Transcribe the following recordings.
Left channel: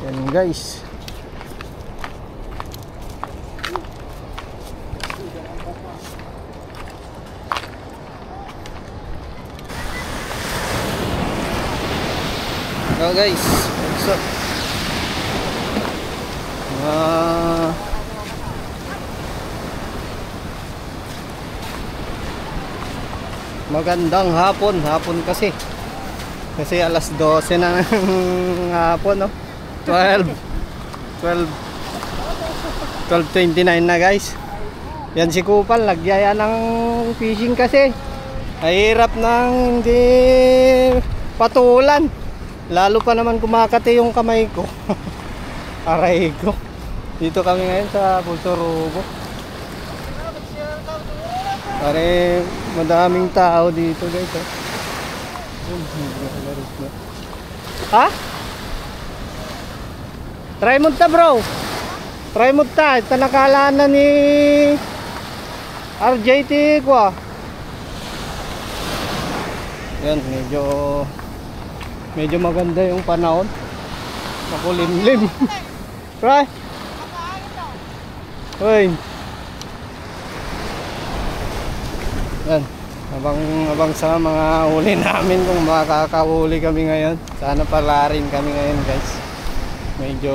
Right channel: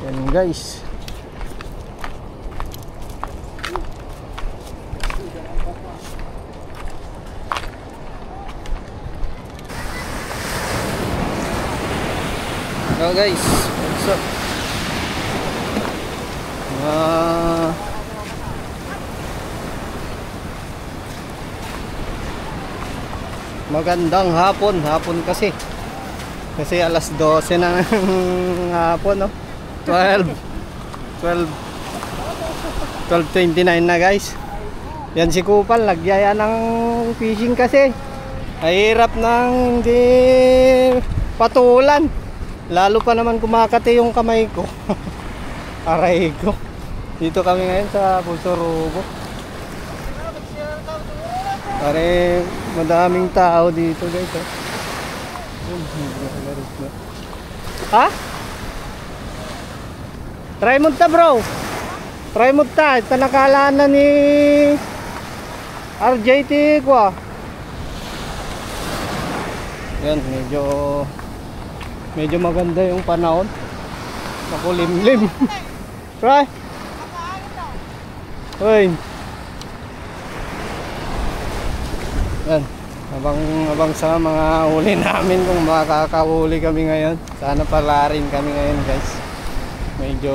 Yan guys. Hello guys, what's up? Magandang hapon kasi alas 12 na ng hapon, no? 12:29 na guys. Yan si Kupal, nagyaya ng fishing kasi mahirap nang hindi patulan, lalo pa naman kumakati yung kamay ko. Aray ko. Dito kami ngayon sa Pusorugo. Pare, madaming tao dito guys, oh. Ha? Try mo ta bro. Try mo ta. Ito nakalaan na ni RJT ko, ah. Yan, medyo maganda yung panahon. Makulimlim. Try. Hoy. Yan, abang sa mga huli namin kung makakahuli kami ngayon. Sana pala rin kami ngayon guys. Medyo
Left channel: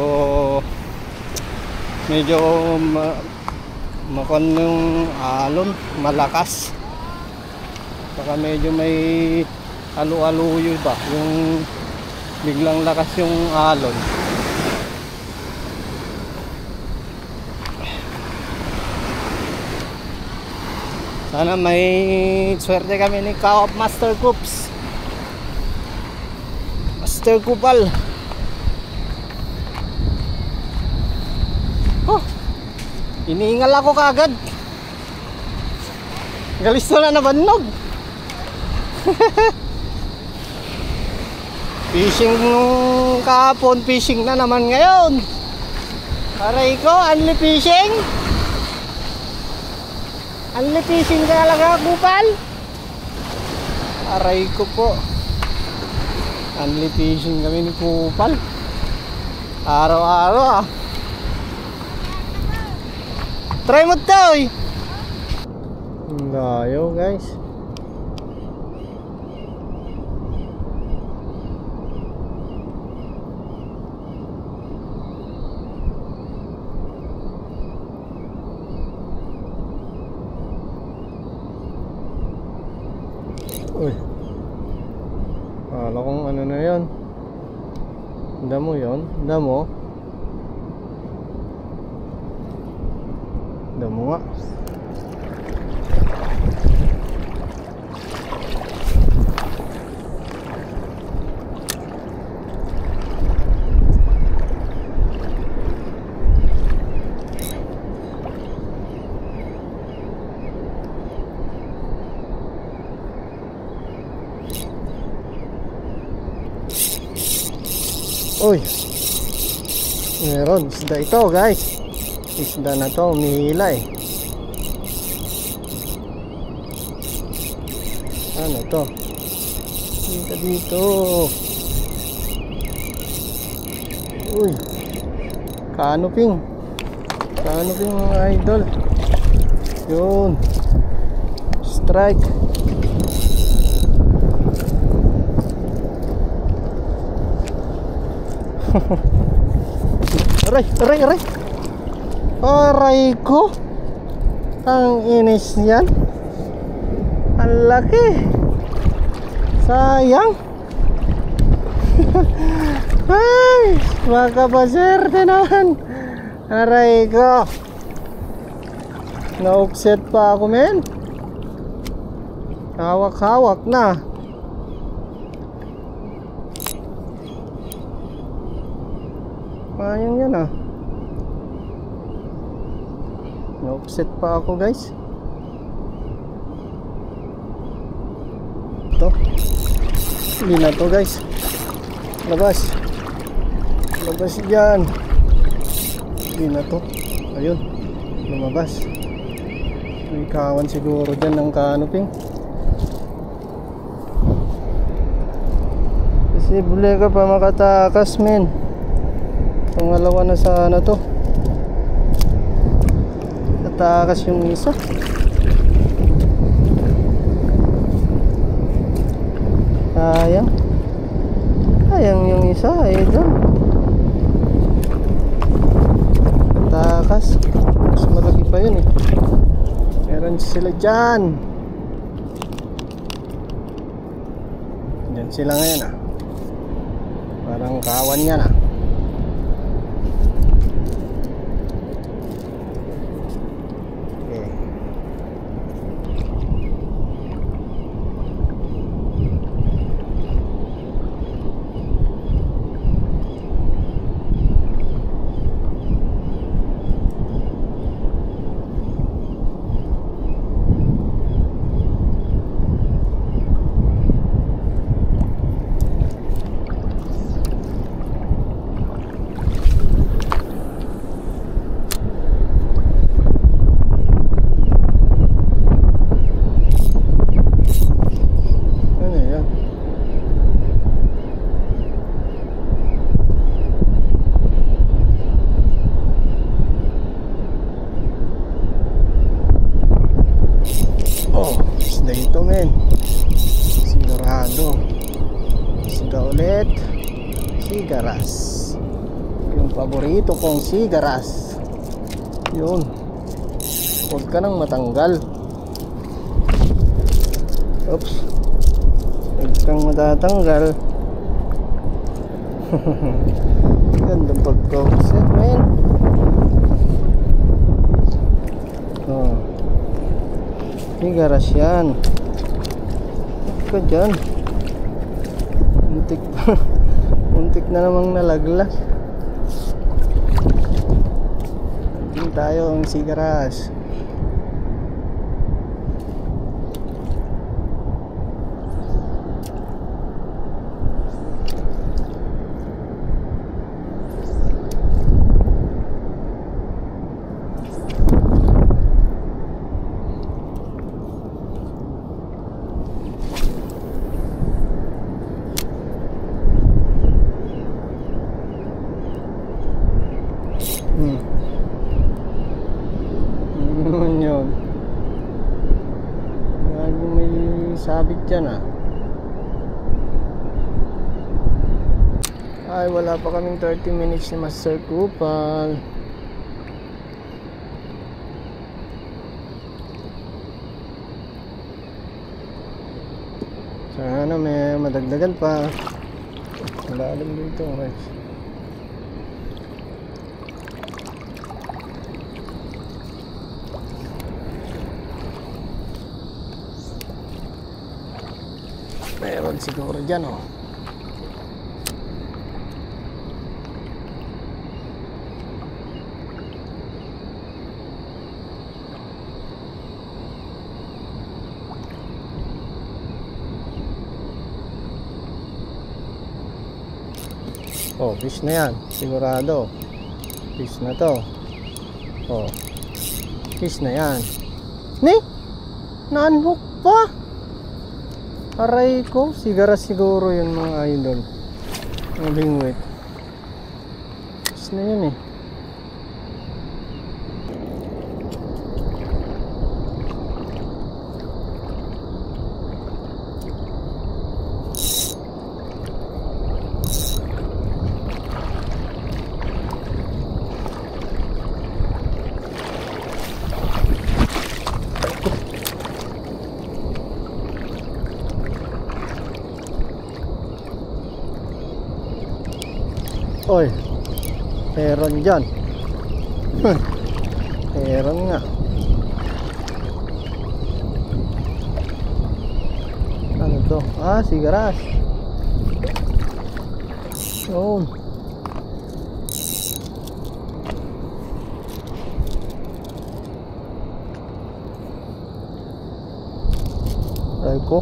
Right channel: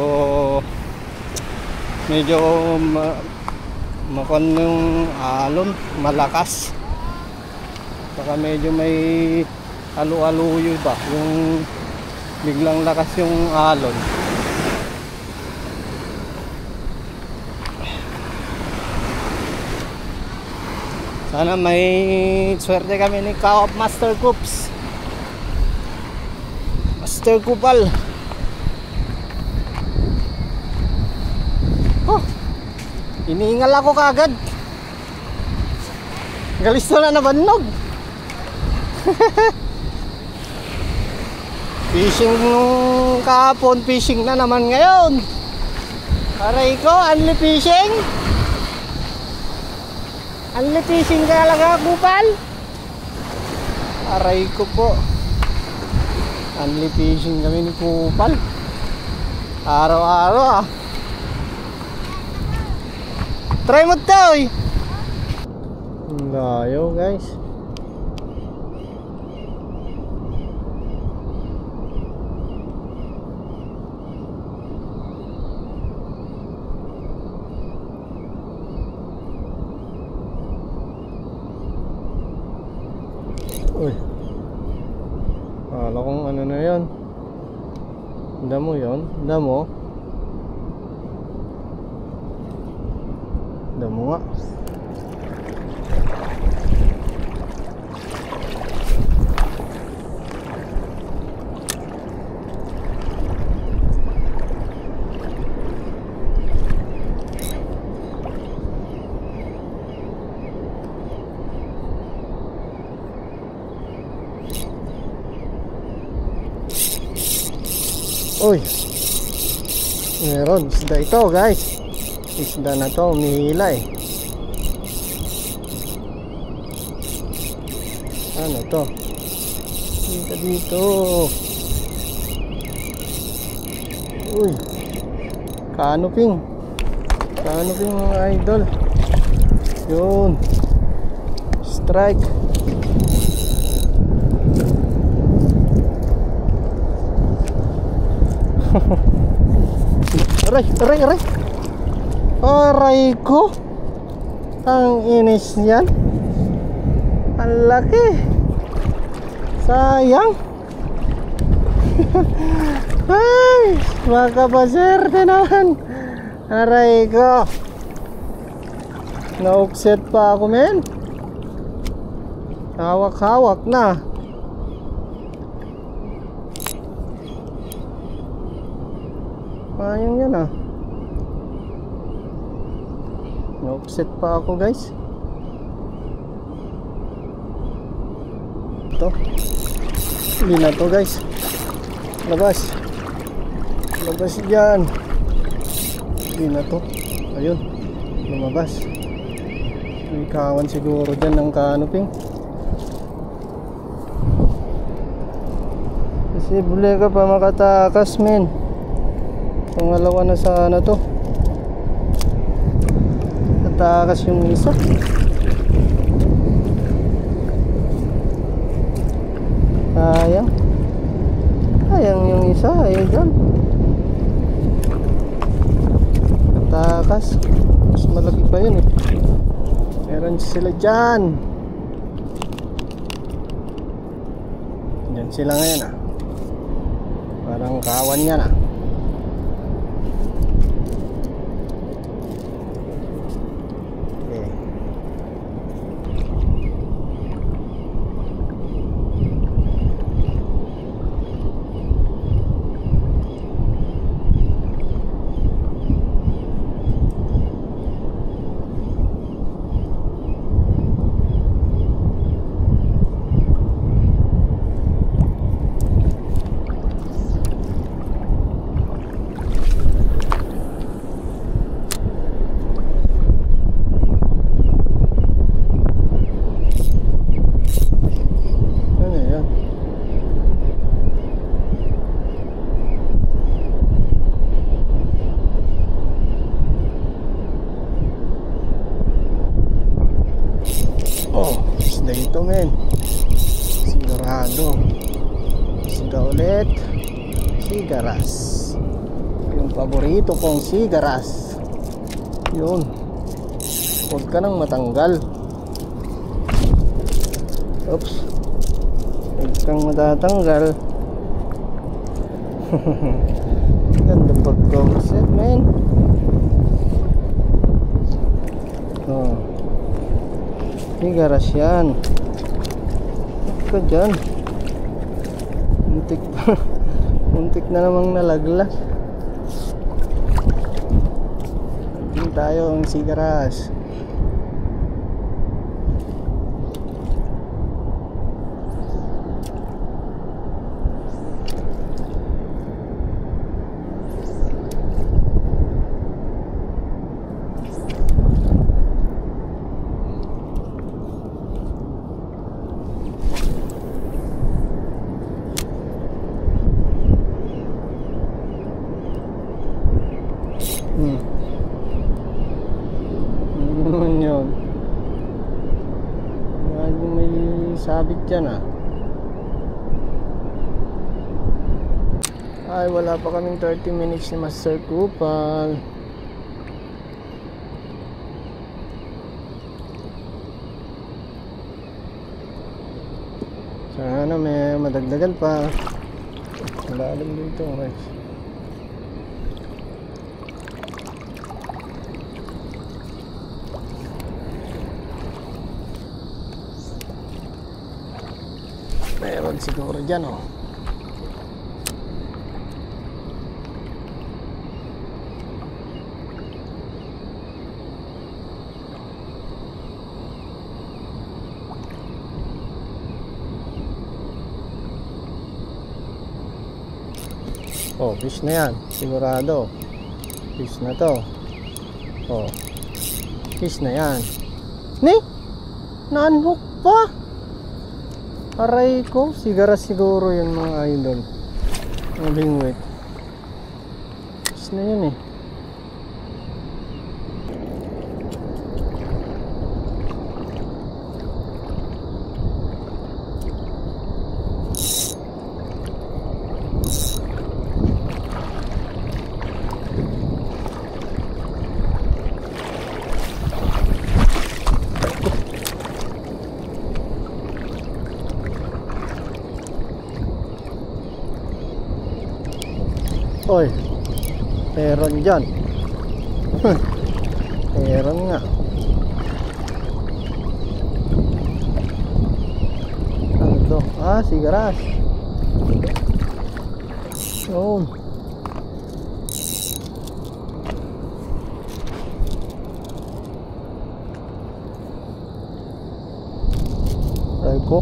makon yung alon, malakas. Saka medyo may alu-aluyo ba, yung biglang lakas yung alon. Sana may swerte kami ni Kaop Master Coops, Master Kupal. Oh, iniingal ako kagad. Galis na nabannog. Fishing nung kahapon, fishing na naman ngayon. Aray ko, only fishing. Only fishing ka talaga, Kupal? Aray ko po. Only fishing kami ni Kupal. Araw-araw, ah. Try mo to, eh. Layo, guys. Uy, akala kong ano na yan. Damo yun, damo. Damo nga. Uy, meron isda ito guys. Isda na to, umihila eh. Ano to? Dito. Uy, canoping mga idol. Yun, strike. Aray ko. Ang inis yan. Ang laki. Sayang. Ay, makapaserte naman. Aray ko. Na-offset pa ako, men. Hawak-hawak na. Ayun yan, ah. Na-offset pa ako guys. Ito. Hindi na to guys. Labas dyan. Hindi na to. Ayun, lumabas. May kawan siguro dyan ng canoping. Posible ka pa makatakas, men. Pangalawa na sana to. Natakas yung isa. Sayang. Sayang yung isa. Ayan. Natakas. Mas malaki pa yun eh. Meron sila dyan. Dyan sila ngayon ah. Parang kawan yan ah. Okay. Dito men, sigurado. Siga ulit. Sigaras. Yung paborito kong sigaras. Yun. Huwag ka nang matanggal. Oops. Huwag kang matatanggal. Gandang pagkakusit men. Oh, sigaras yan. Huwag ka dyan. Muntik pa. Muntik na namang nalaglag. Hindi tayo ang sigaras. Ano naman yun? Lagi may sabit dyan ah. Ay, wala pa kaming 30 minutes ni Master Kupal. Sana may madagdagan pa. Malalim dito guys. Meron siguro dyan oh. Oh, fish na yan, sigurado. Fish na to. Oh, fish na yan. Ni? Na-unhook pa? Aray ko, sigaras siguro yun mga idol. Malingwit. Fish na yan eh. Oy, meron dyan. Meron nga. Ano to? Ah, sigaras. Yun. Ay ko.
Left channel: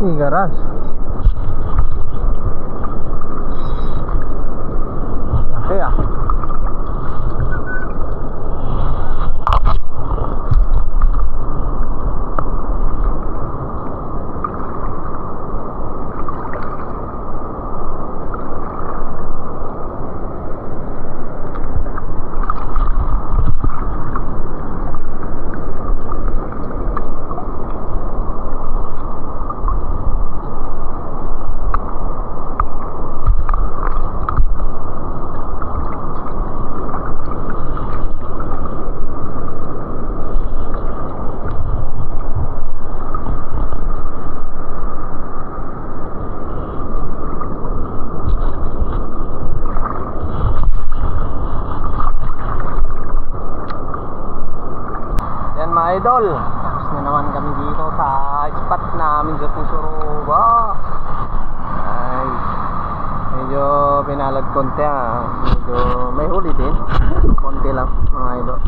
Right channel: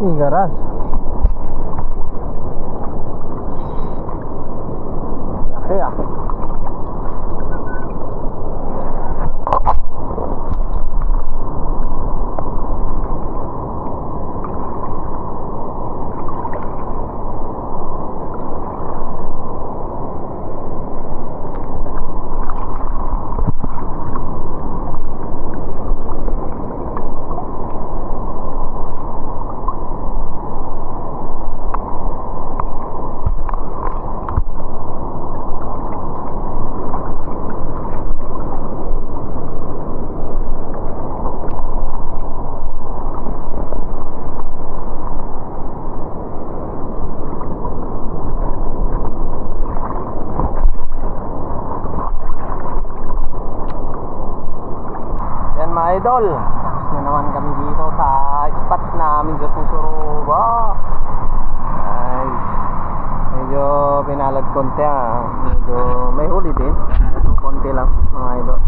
Igaras. Laki ah. Yan mga idol, tapos na naman kami dito sa spot namin sa Pusuruba. Ay, medyo pinalag konti ah. Medyo may huli din, medyo konti lang mga idol.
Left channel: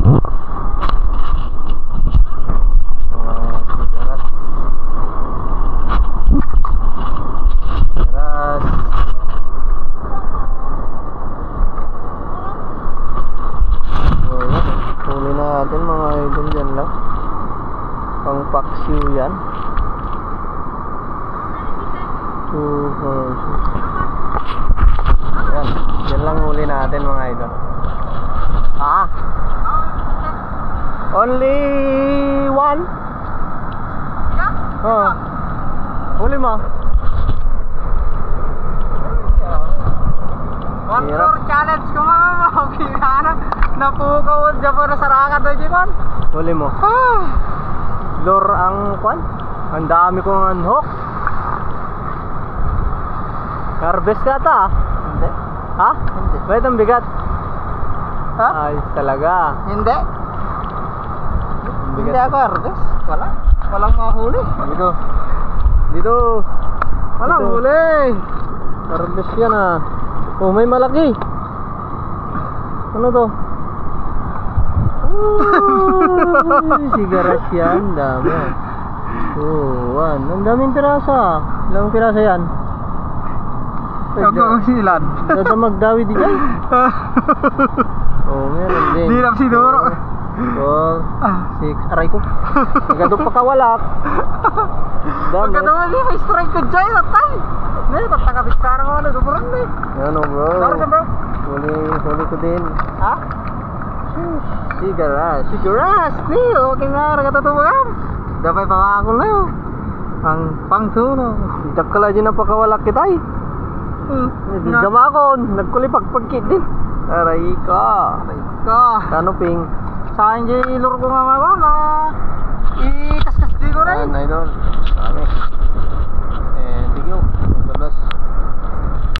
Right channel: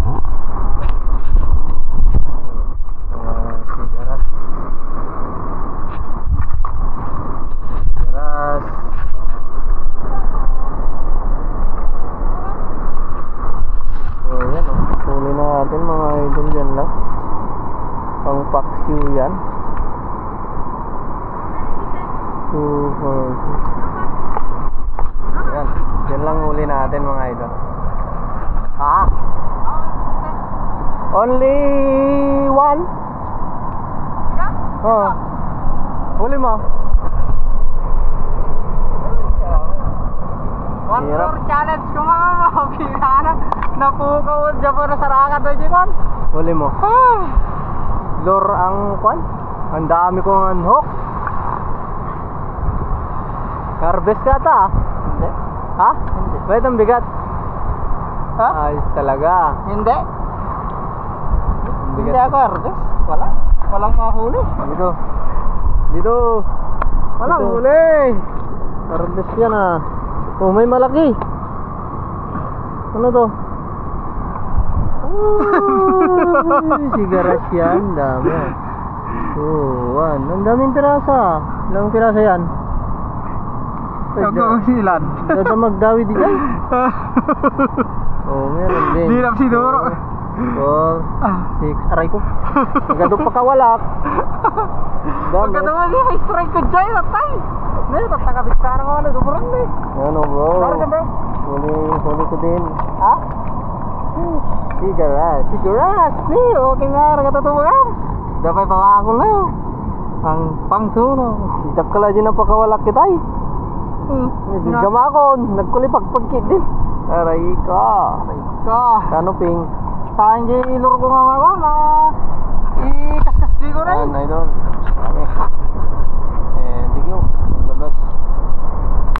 Sigaras. Sigaras. So yan oh, huli natin mga idol, dyan lang. Pang paksiw yan. 2, 4, 6. Yan, dyan lang huli natin mga idol. Ah, only one? Oh, huli mo. One floor challenge ko mga mga napukaw dyan po na sarakan doon dyan. Huli mo. Lure ang kwan. Ang dami kong unhook. Harvest ka ata ah. Hindi. Ha? Hindi. Wait, ang bigat. Ha? Ayos talaga. Hindi. Ang Hindi bigat. ako harvest. Wala. Walang mahuli. Dito. Dito. Walang Dito. huli. Harvest yan ah. Oh, may malaki. Ano to? Oh, sigaras yan. Dami ah. Oh, one. Ang daming pirasa. Ilang pirasa yan? Ako silan. Dadamag dawi di dyan. Oh, meron din. Di lang sinuro. 4, 6. Aray ko. Nagado pa kawalak. Dami. Pagkatawa niya, may strike ko dyan. Tatay. Hindi, tatakabit ka na nga na. Duburan na eh. Ano bro? Sorry ka bro. Huli ko din. Ha? Sigaras. Siguras. Di, okay nga. Nagkatutubang. Dapat pangako na yun. Pang suno. Dakala dyan ang pakawalak kita eh. Hindi gamakon. Nagkulipagpagkit din. Aray ka. Ka. Ano ping? Sa akin dyan iluro ko nga mga na. I-kaskas di ko na Yan yun. idol.